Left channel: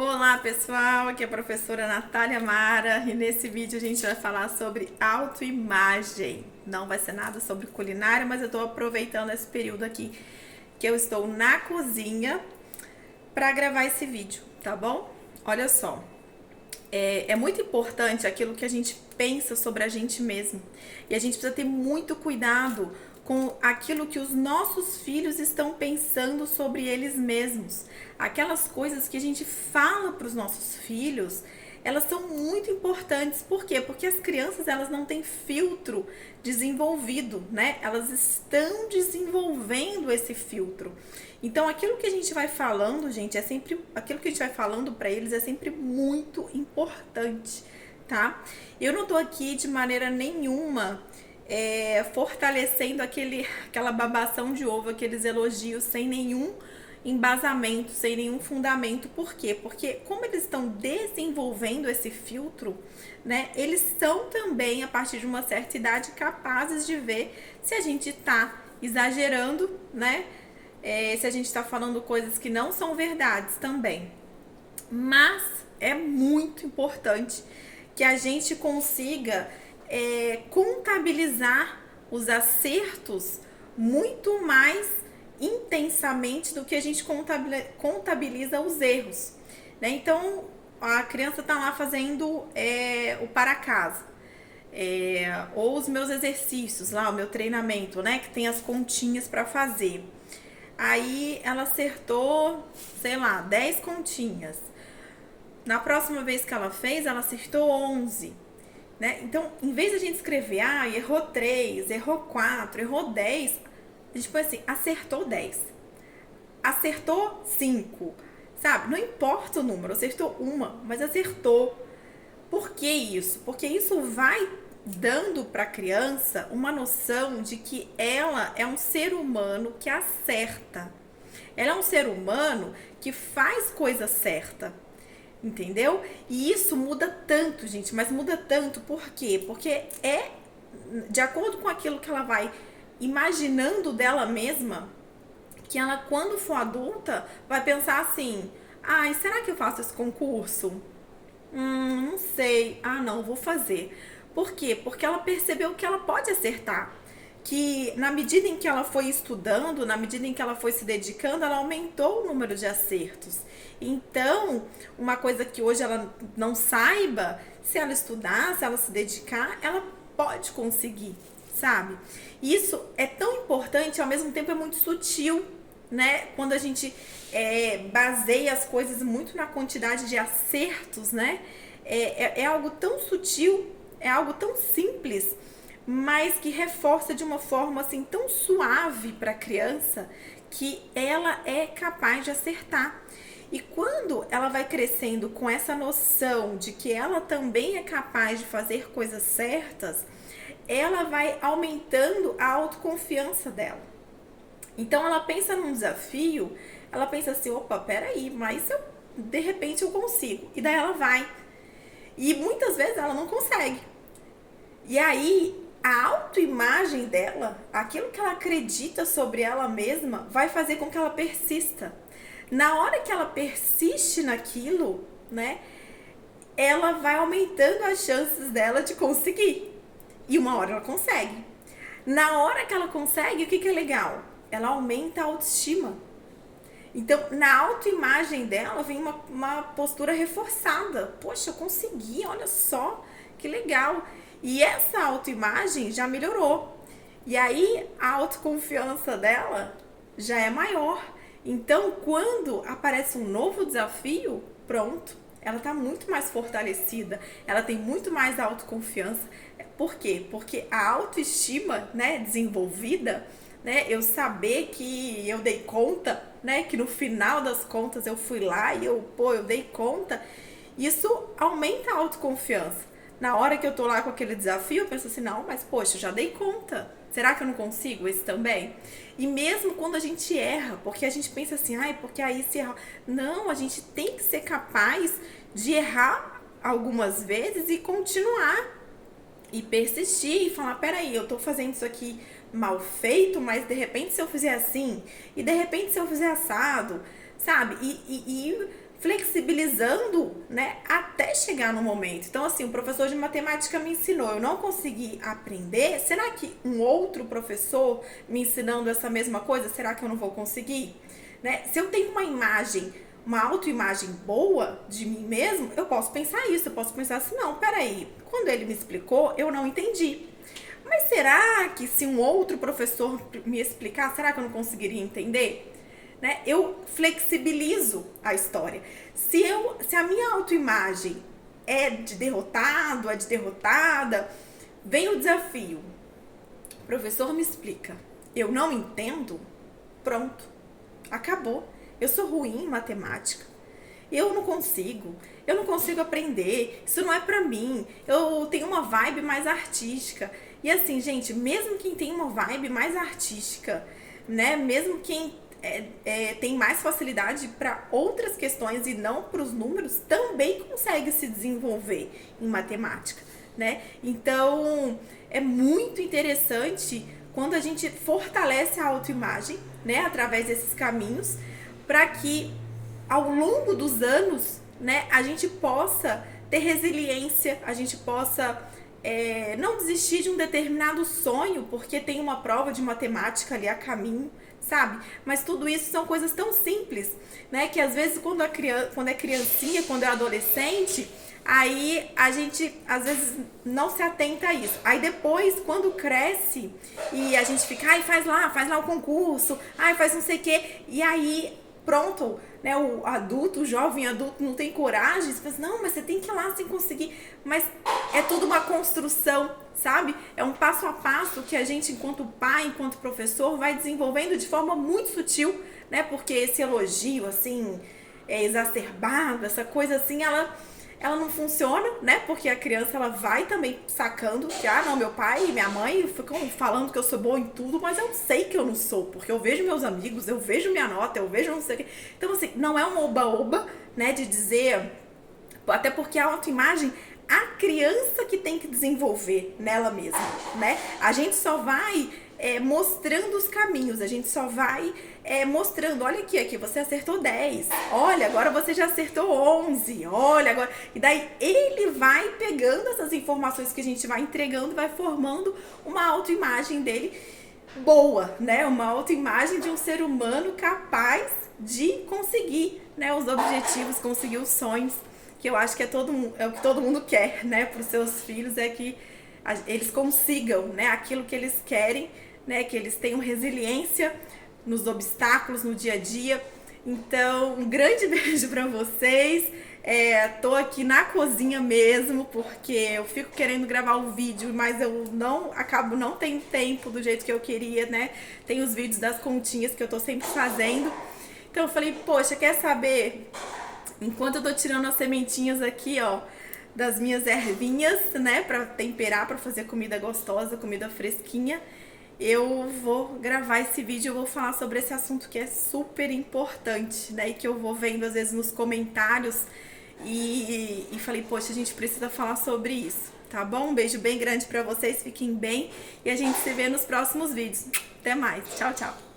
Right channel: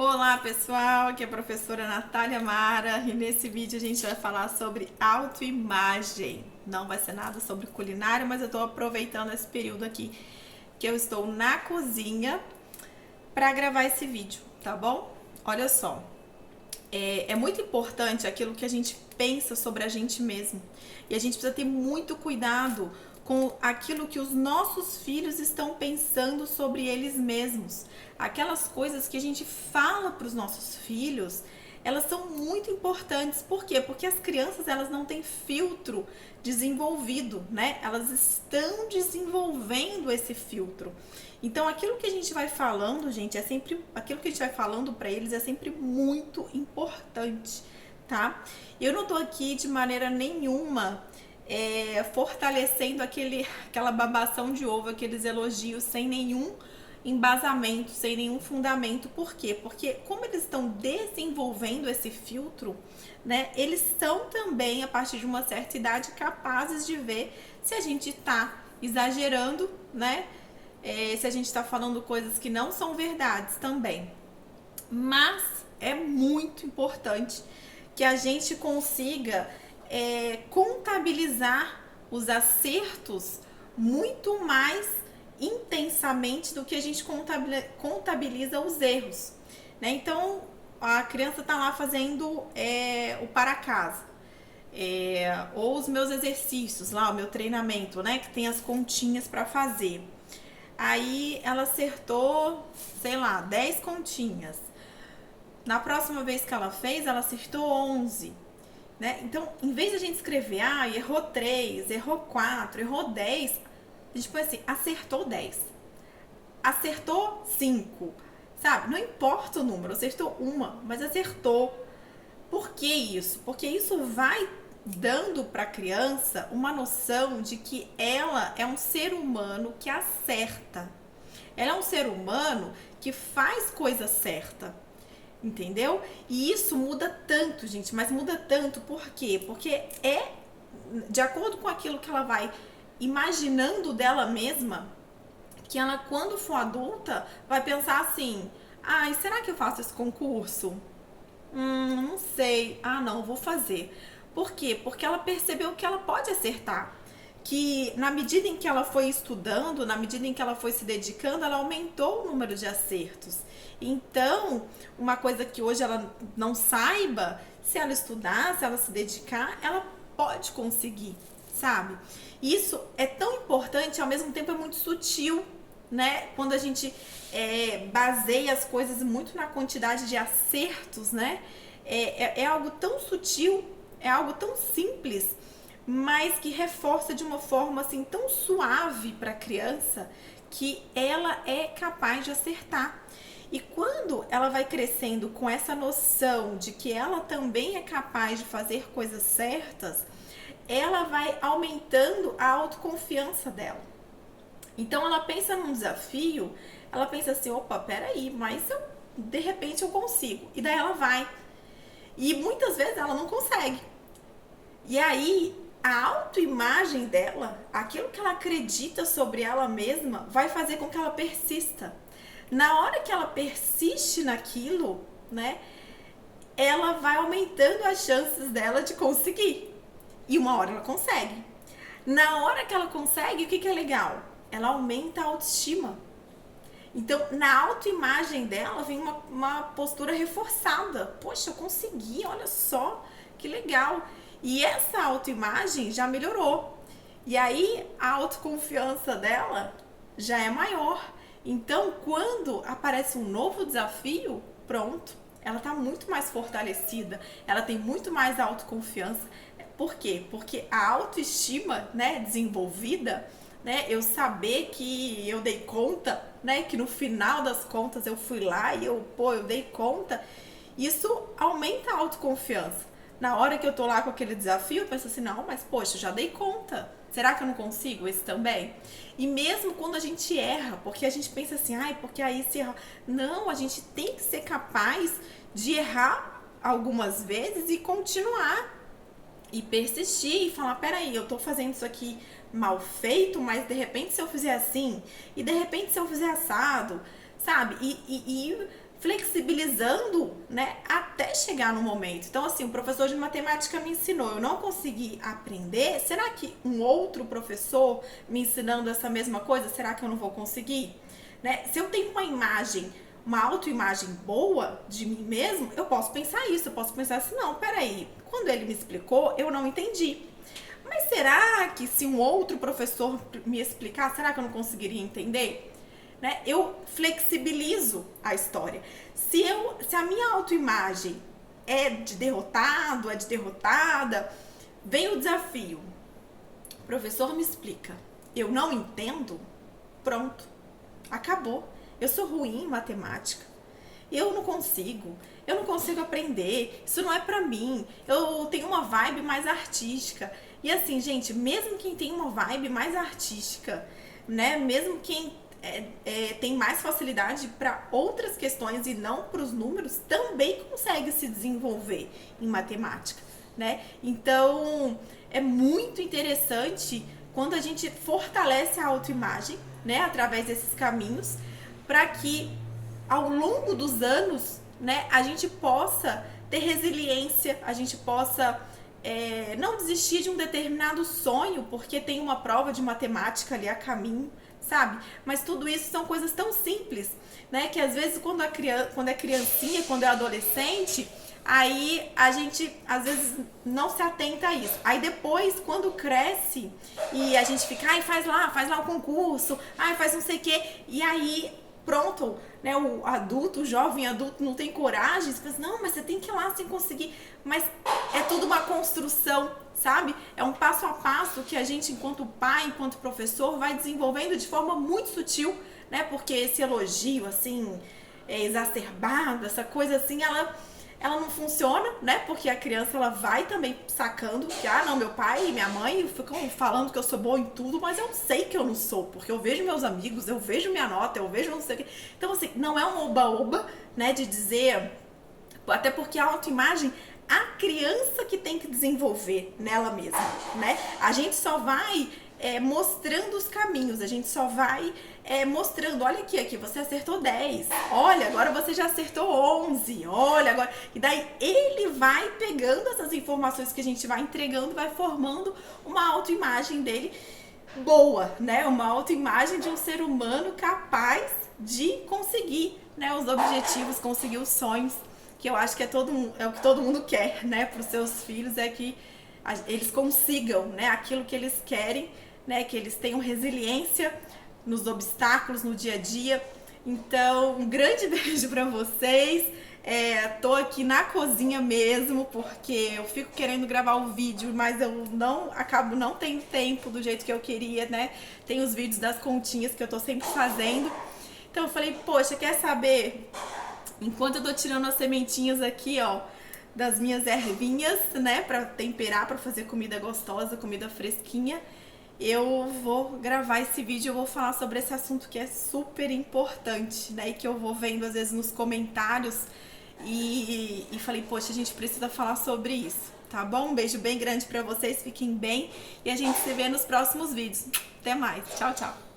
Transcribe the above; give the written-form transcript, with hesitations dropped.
Olá pessoal, aqui é a professora Natália Mara e nesse vídeo a gente vai falar sobre autoimagem. Não vai ser nada sobre culinária, mas eu estou aproveitando esse período aqui que eu estou na cozinha para gravar esse vídeo, tá bom? Olha só, é muito importante aquilo que a gente pensa sobre a gente mesmo e a gente precisa ter muito cuidado com aquilo que os nossos filhos estão pensando sobre eles mesmos. Aquelas coisas que a gente fala para os nossos filhos, elas são muito importantes. Por quê? Porque as crianças, elas não têm filtro desenvolvido, né? Elas estão desenvolvendo esse filtro. Então, aquilo que a gente vai falando, gente, aquilo que a gente vai falando para eles é sempre muito importante, tá? Eu não tô aqui de maneira nenhuma fortalecendo aquela babação de ovo, aqueles elogios sem nenhum embasamento, sem nenhum fundamento. Por quê? Porque como eles estão desenvolvendo esse filtro, né, eles são também, a partir de uma certa idade, capazes de ver se a gente tá exagerando, né, se a gente tá falando coisas que não são verdades também. Mas é muito importante que a gente consiga contabilizar os acertos muito mais intensamente do que a gente contabiliza os erros, né? Então a criança tá lá fazendo o para casa, ou os meus exercícios lá, o meu treinamento, né? Que tem as continhas para fazer. Aí ela acertou, sei lá, 10 continhas. Na próxima vez que ela fez, ela acertou 11. Né? Então, em vez de a gente escrever, errou 3, errou 4, errou 10, a gente põe assim, acertou 10, acertou 5, sabe? Não importa o número, acertou uma, mas acertou. Por que isso? Porque isso vai dando para a criança uma noção de que ela é um ser humano que acerta. Ela é um ser humano que faz coisa certa. Entendeu? E isso muda tanto, gente, mas muda tanto por quê? Porque é de acordo com aquilo que ela vai imaginando dela mesma, que ela, quando for adulta, vai pensar assim: será que eu faço esse concurso? Não sei. Não, vou fazer. Por quê? Porque ela percebeu que ela pode acertar. Que na medida em que ela foi estudando, na medida em que ela foi se dedicando, ela aumentou o número de acertos. Então, uma coisa que hoje ela não saiba, se ela estudar, se ela se dedicar, ela pode conseguir, sabe? Isso é tão importante, ao mesmo tempo é muito sutil, né? Quando a gente baseia as coisas muito na quantidade de acertos, né? É algo tão sutil, é algo tão simples, mas que reforça de uma forma assim tão suave para a criança que ela é capaz de acertar. E quando ela vai crescendo com essa noção de que ela também é capaz de fazer coisas certas, ela vai aumentando a autoconfiança dela. Então ela pensa num desafio, ela pensa assim, opa, peraí, mas de repente eu consigo. E daí ela vai. E muitas vezes ela não consegue. E aí a autoimagem dela, aquilo que ela acredita sobre ela mesma, vai fazer com que ela persista. Na hora que ela persiste naquilo, né, ela vai aumentando as chances dela de conseguir. E uma hora ela consegue. Na hora que ela consegue, o que é legal? Ela aumenta a autoestima. Então, na autoimagem dela vem uma postura reforçada. Poxa, eu consegui, olha só, que legal. E essa autoimagem já melhorou. E aí, a autoconfiança dela já é maior. Então, quando aparece um novo desafio, pronto, ela está muito mais fortalecida, ela tem muito mais autoconfiança. Por quê? Porque a autoestima, né, desenvolvida, né, eu saber que eu dei conta, né, que no final das contas eu fui lá e eu dei conta, isso aumenta a autoconfiança. Na hora que eu tô lá com aquele desafio, eu penso assim, não, mas poxa, eu já dei conta. Será que eu não consigo esse também? E mesmo quando a gente erra, porque a gente pensa assim, porque aí se erra. Não, a gente tem que ser capaz de errar algumas vezes e continuar. E persistir e falar, peraí, eu tô fazendo isso aqui mal feito, mas de repente se eu fizer assim, e de repente se eu fizer assado, sabe? E flexibilizando, né, até chegar no momento. Então, assim, o professor de matemática me ensinou, eu não consegui aprender, será que um outro professor me ensinando essa mesma coisa, será que eu não vou conseguir? Né? Se eu tenho uma imagem, uma autoimagem boa de mim mesmo, eu posso pensar isso, eu posso pensar assim, não, peraí, quando ele me explicou, eu não entendi. Mas será que se um outro professor me explicar, será que eu não conseguiria entender? Né? Eu flexibilizo a história. Se a minha autoimagem é de derrotado, é de derrotada, vem o desafio. O professor me explica. Eu não entendo? Pronto. Acabou. Eu sou ruim em matemática. Eu não consigo aprender. Isso não é pra mim. Eu tenho uma vibe mais artística. E assim, gente, mesmo quem tem uma vibe mais artística, né? Mesmo quem tem mais facilidade para outras questões e não para os números, também consegue se desenvolver em matemática, né? Então, é muito interessante quando a gente fortalece a autoimagem, né, através desses caminhos, para que ao longo dos anos, né, a gente possa ter resiliência, a gente possa não desistir de um determinado sonho porque tem uma prova de matemática ali a caminho, sabe? Mas tudo isso são coisas tão simples, né? Que às vezes quando é criancinha, quando é adolescente, aí a gente às vezes não se atenta a isso. Aí depois, quando cresce e a gente fica, ai, faz lá o concurso, ai, faz não sei o quê, e aí pronto, né, o adulto, o jovem adulto não tem coragem, você pensa, não, mas você tem que ir lá sem conseguir, mas é tudo uma construção, sabe? É um passo a passo que a gente, enquanto pai, enquanto professor, vai desenvolvendo de forma muito sutil, né, porque esse elogio, assim, exacerbado, essa coisa assim, ela não funciona, né? Porque a criança ela vai também sacando que, não, meu pai e minha mãe ficam falando que eu sou boa em tudo, mas eu sei que eu não sou, porque eu vejo meus amigos, eu vejo minha nota, eu vejo não sei o quê. Então, assim, não é um oba-oba, né, de dizer, até porque a autoimagem, a criança que tem que desenvolver nela mesma, né? A gente só vai mostrando os caminhos, a gente só vai mostrando, olha aqui, você acertou 10, olha, agora você já acertou 11, olha, agora... E daí ele vai pegando essas informações que a gente vai entregando, vai formando uma autoimagem dele boa, né? Uma autoimagem de um ser humano capaz de conseguir, né, os objetivos, conseguir os sonhos, que eu acho que é o que todo mundo quer, né, para os seus filhos, é que eles consigam, né, aquilo que eles querem, né, que eles tenham resiliência nos obstáculos, no dia a dia. Então, um grande beijo para vocês. Tô aqui na cozinha mesmo, porque eu fico querendo gravar o vídeo, mas eu acabo não tendo tempo do jeito que eu queria, né? Tem os vídeos das continhas que eu tô sempre fazendo. Então eu falei, poxa, quer saber? Enquanto eu tô tirando as sementinhas aqui, ó, das minhas ervinhas, né, pra temperar, pra fazer comida gostosa, comida fresquinha, eu vou gravar esse vídeo, eu vou falar sobre esse assunto que é super importante, né, e que eu vou vendo às vezes nos comentários e falei, poxa, a gente precisa falar sobre isso, tá bom? Um beijo bem grande pra vocês, fiquem bem e a gente se vê nos próximos vídeos. Até mais, tchau, tchau!